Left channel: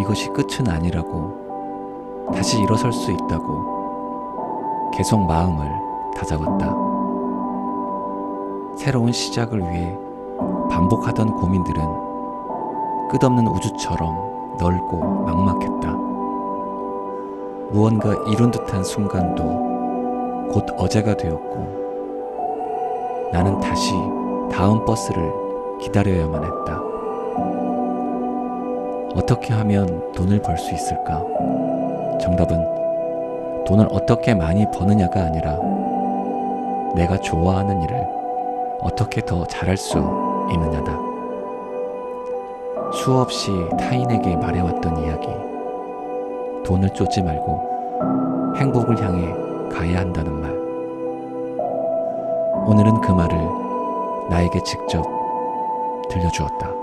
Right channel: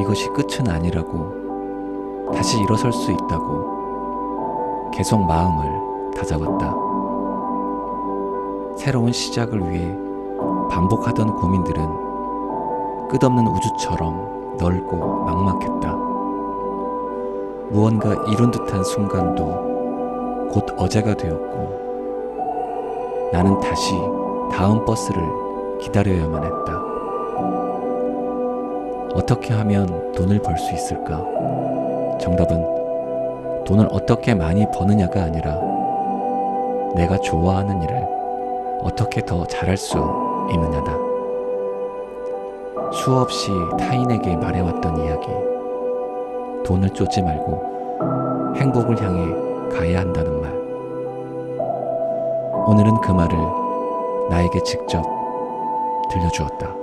이것이 끝은 아니라고 다시 일어설 수 있다고 계속 마음을 다잡았다. 새로운 시작을 위해 반복하던 고민들은 끝없는 우주처럼 넓고 막막했다. 무언가 이룬 듯한 순간도 곧 어제가 되었고 나는 다시 다음 버스를 기다려야만 했다. 어떻게 하면 돈을 벌 수 있을까? 정답은 돈을 어떻게 많이 버느냐가 아니라 내가 좋아하는 일을 어떻게 더 잘할 수 있느냐다. 수없이 타인에게 말해왔던 이야기. 돈을 쫓지 말고 행복을 향해 가야 한다는 말. 오늘은 그 말을 나에게 직접 들려주었다.